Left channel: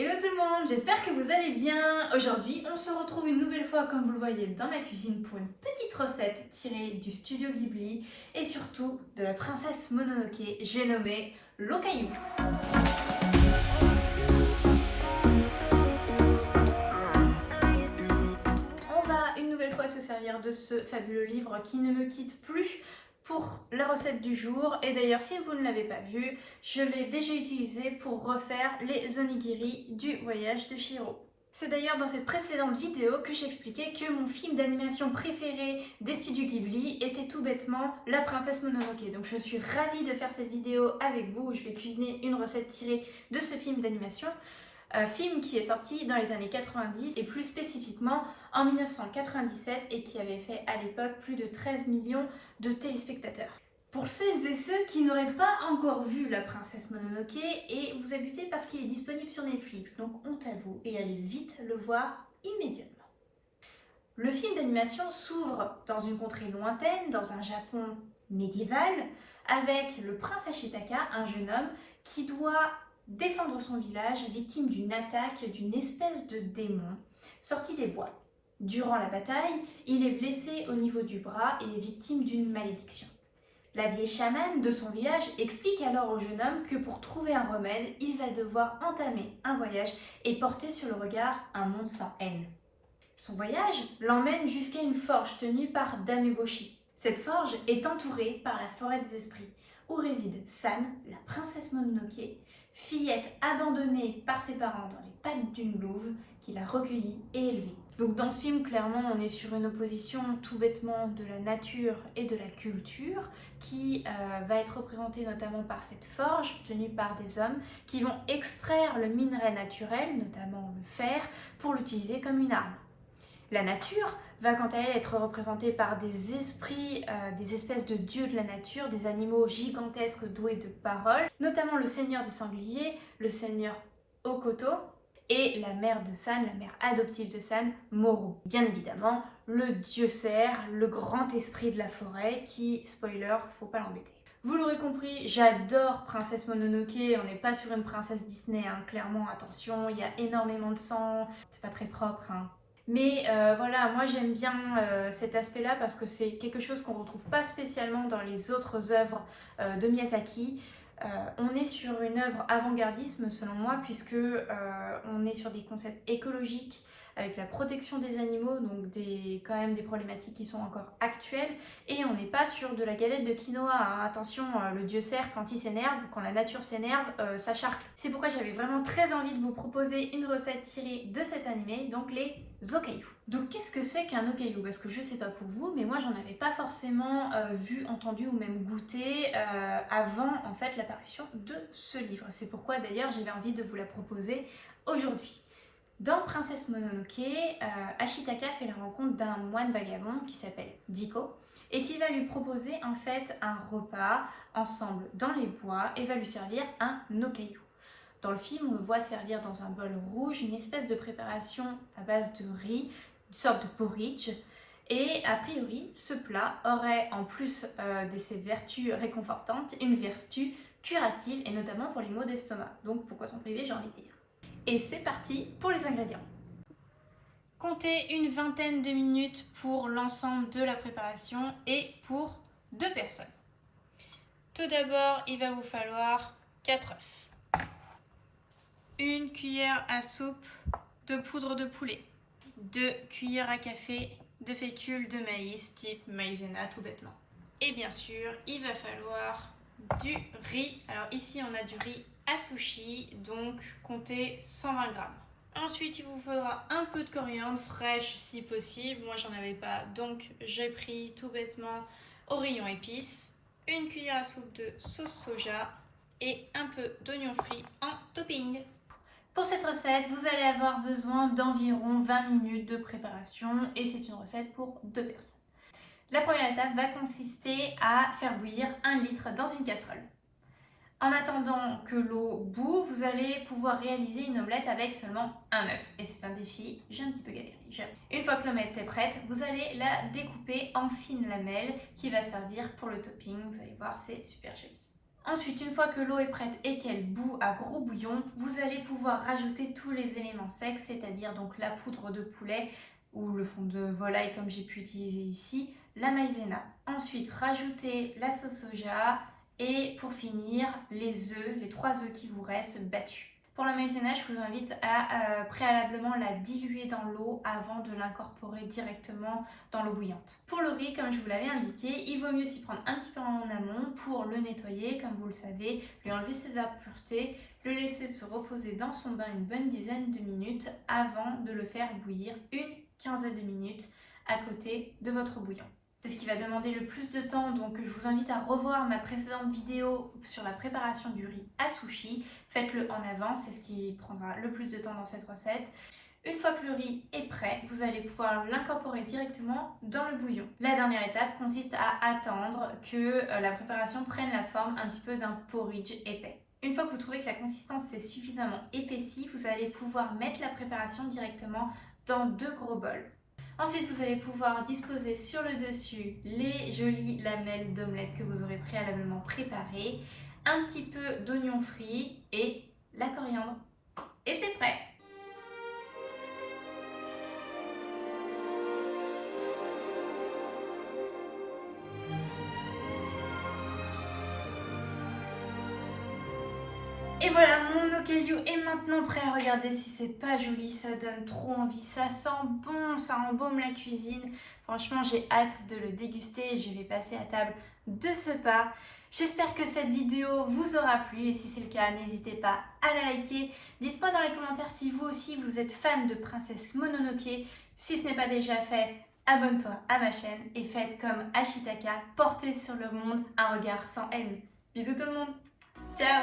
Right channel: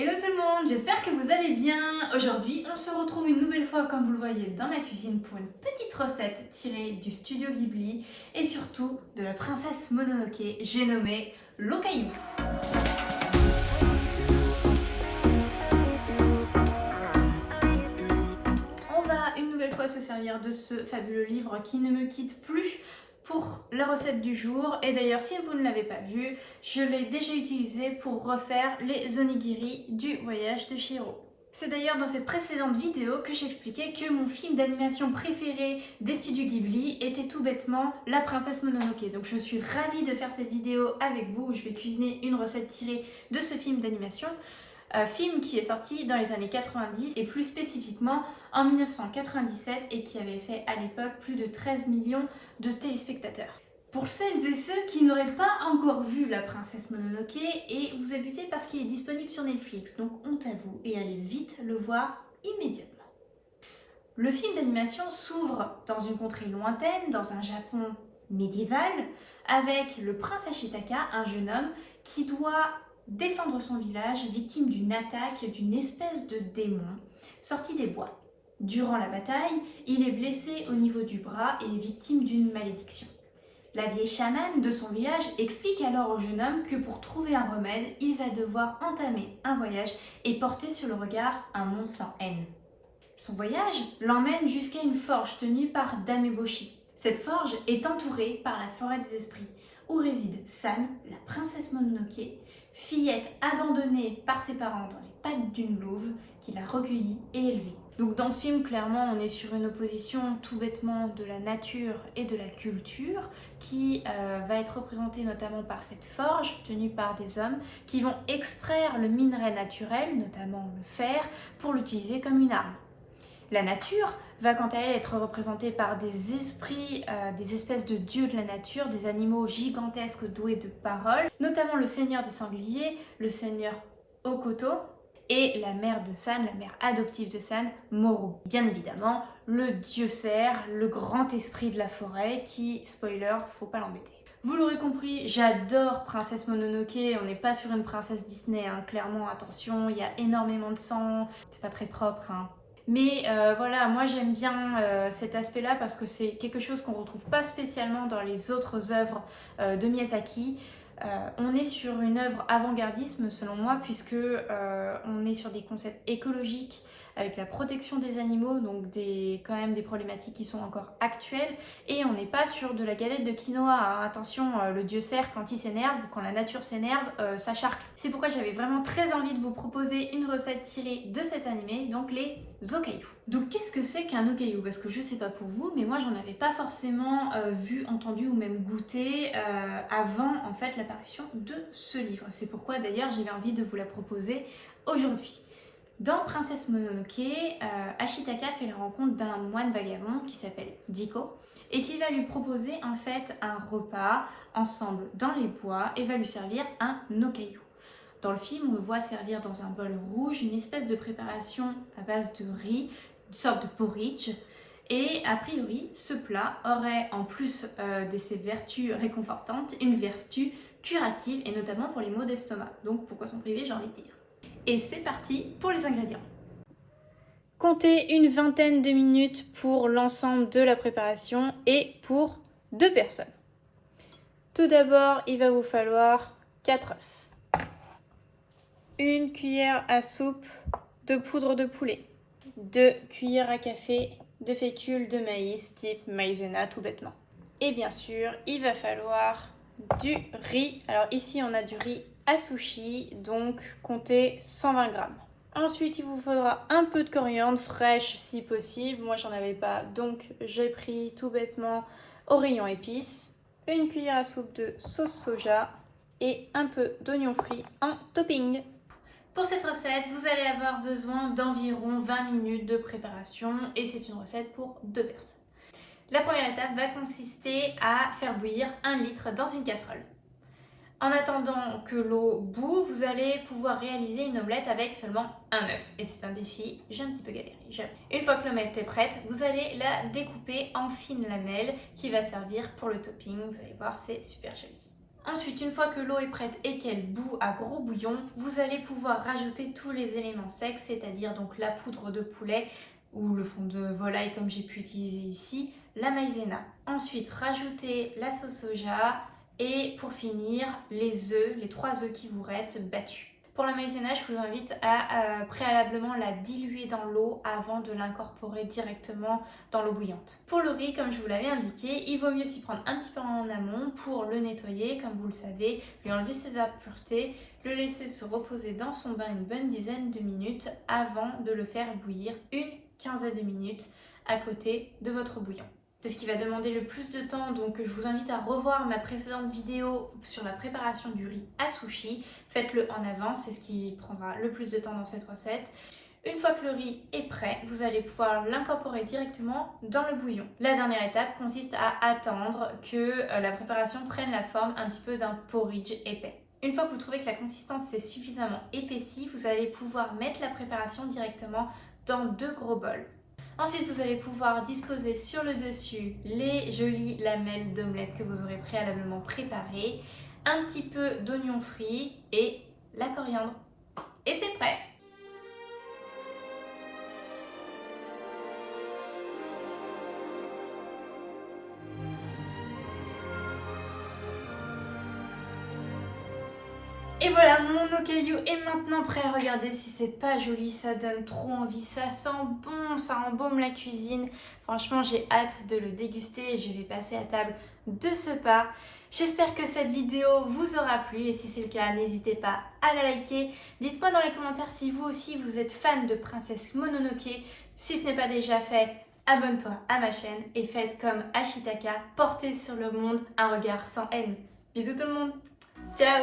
Hello tout le monde, j'espère que vous allez bien. Aujourd'hui, on se retrouve une nouvelle fois, comme vous le voyez, dans ma cuisine pour une petite recette tirée du studio Ghibli et surtout de la princesse Mononoke, j'ai nommé l'Okayu. On va une nouvelle fois se servir de ce fabuleux livre qui ne me quitte plus pour la recette du jour. Et d'ailleurs, si vous ne l'avez pas vu, je l'ai déjà utilisé pour refaire les onigiri du voyage de Chihiro. C'est d'ailleurs dans cette précédente vidéo que j'expliquais que mon film d'animation préféré des studios Ghibli était tout bêtement La Princesse Mononoke. Donc je suis ravie de faire cette vidéo avec vous où je vais cuisiner une recette tirée de ce film d'animation. Film qui est sorti dans les années 90 et plus spécifiquement en 1997 et qui avait fait à l'époque plus de 13 millions de téléspectateurs. Pour celles et ceux qui n'auraient pas encore vu La Princesse Mononoke, et vous abusez parce qu'il est disponible sur Netflix, donc honte à vous et allez vite le voir immédiatement. Le film d'animation s'ouvre dans une contrée lointaine, dans un Japon médiéval, avec le prince Ashitaka, un jeune homme qui doit défendre son village, victime d'une attaque d'une espèce de démon sorti des bois. Durant la bataille, il est blessé au niveau du bras et est victime d'une malédiction. La vieille chamane de son village explique alors au jeune homme que pour trouver un remède, il va devoir entamer un voyage et porter sur le regard un monde sans haine. Son voyage l'emmène jusqu'à une forge tenue par Dameboshi. Cette forge est entourée par la forêt des esprits, où réside San, la princesse Mononoke, fillette abandonnée par ses parents dans les pattes d'une louve qui l'a recueillie et élevée. Donc dans ce film, clairement, on est sur une opposition tout bêtement de la nature et de la culture qui va être représentée notamment par cette forge tenue par des hommes qui vont extraire le minerai naturel, notamment le fer, pour l'utiliser comme une arme. La nature va quant à elle être représentée par des esprits, des espèces de dieux de la nature, des animaux gigantesques doués de paroles, notamment le seigneur des sangliers, le seigneur Okoto, et la mère de San, la mère adoptive de San, Moro. Bien évidemment, le dieu cerf, le grand esprit de la forêt qui, spoiler, faut pas l'embêter. Vous l'aurez compris, j'adore Princesse Mononoke, on n'est pas sur une princesse Disney, hein. Clairement, attention, il y a énormément de sang, c'est pas très propre, hein. Mais voilà, moi j'aime bien cet aspect-là parce que c'est quelque chose qu'on ne retrouve pas spécialement dans les autres œuvres de Miyazaki. On est sur une œuvre avant-gardisme selon moi puisque on est sur des concepts écologiques avec la protection des animaux, donc quand même des problématiques qui sont encore actuelles, et on n'est pas sur de la galette de quinoa, hein. Attention, le dieu cerf, quand il s'énerve, ou quand la nature s'énerve, ça charcle. C'est pourquoi j'avais vraiment très envie de vous proposer une recette tirée de cet animé, donc les Okayu. Donc qu'est-ce que c'est qu'un Okayu? Parce que je sais pas pour vous, mais moi j'en avais pas forcément vu, entendu ou même goûté avant en fait l'apparition de ce livre. C'est pourquoi d'ailleurs j'avais envie de vous la proposer aujourd'hui. Dans Princesse Mononoke, Ashitaka fait la rencontre d'un moine vagabond qui s'appelle Jiko et qui va lui proposer en fait un repas ensemble dans les bois et va lui servir un Okayu. Dans le film, on le voit servir dans un bol rouge une espèce de préparation à base de riz, une sorte de porridge. Et a priori, ce plat aurait, en plus de ses vertus réconfortantes, une vertu curative et notamment pour les maux d'estomac. Donc pourquoi s'en priver, j'ai envie de dire. Et c'est parti pour les ingrédients. Comptez une vingtaine de minutes pour l'ensemble de la préparation et pour 2 personnes. Tout d'abord, il va vous falloir 4 œufs, 1 cuillère à soupe de poudre de poulet, 2 cuillères à café de fécule de maïs type maïzena tout bêtement. Et bien sûr, il va falloir du riz. Alors ici, on a du riz à sushi, donc comptez 120 grammes. Ensuite, il vous faudra un peu de coriandre fraîche si possible. Moi, j'en avais pas, donc j'ai pris tout bêtement au rayon épices, 1 cuillère à soupe de sauce soja et un peu d'oignon frit en topping. Pour cette recette, vous allez avoir besoin d'environ 20 minutes de préparation et c'est une recette pour 2 personnes. La première étape va consister à faire bouillir 1 litre dans une casserole. En attendant que l'eau bout, vous allez pouvoir réaliser une omelette avec seulement un œuf. Et c'est un défi, j'ai un petit peu galéré. Une fois que l'omelette est prête, vous allez la découper en fines lamelles qui va servir pour le topping. Vous allez voir, c'est super joli. Ensuite, une fois que l'eau est prête et qu'elle bout à gros bouillon, vous allez pouvoir rajouter tous les éléments secs, c'est-à-dire donc la poudre de poulet ou le fond de volaille comme j'ai pu utiliser ici, la maïzena. Ensuite, rajouter la sauce soja et pour finir, les œufs, les 3 œufs qui vous restent battus. Pour la maïzena, je vous invite à préalablement la diluer dans l'eau avant de l'incorporer directement dans l'eau bouillante. Pour le riz, comme je vous l'avais indiqué, il vaut mieux s'y prendre un petit peu en amont pour le nettoyer, comme vous le savez, lui enlever ses impuretés, le laisser se reposer dans son bain une bonne dizaine de minutes avant de le faire bouillir une quinzaine de minutes à côté de votre bouillon. C'est ce qui va demander le plus de temps, donc je vous invite à revoir ma précédente vidéo sur la préparation du riz à sushi. Faites-le en avance, c'est ce qui prendra le plus de temps dans cette recette. Une fois que le riz est prêt, vous allez pouvoir l'incorporer directement dans le bouillon. La dernière étape consiste à attendre que la préparation prenne la forme un petit peu d'un porridge épais. Une fois que vous trouvez que la consistance s'est suffisamment épaissie, vous allez pouvoir mettre la préparation directement dans 2 gros bols. Ensuite, vous allez pouvoir disposer sur le dessus les jolies lamelles d'omelette que vous aurez préalablement préparées, un petit peu d'oignon frit et la coriandre. Et c'est prêt! Et voilà, mon okayu est maintenant prêt. Regardez si c'est pas joli, ça donne trop envie, ça sent bon, ça embaume la cuisine. Franchement, j'ai hâte de le déguster et je vais passer à table de ce pas. J'espère que cette vidéo vous aura plu et si c'est le cas, n'hésitez pas à la liker. Dites-moi dans les commentaires si vous aussi vous êtes fan de Princesse Mononoke. Si ce n'est pas déjà fait, abonne-toi à ma chaîne et faites comme Ashitaka, portez sur le monde un regard sans haine. Bisous tout le monde, ciao!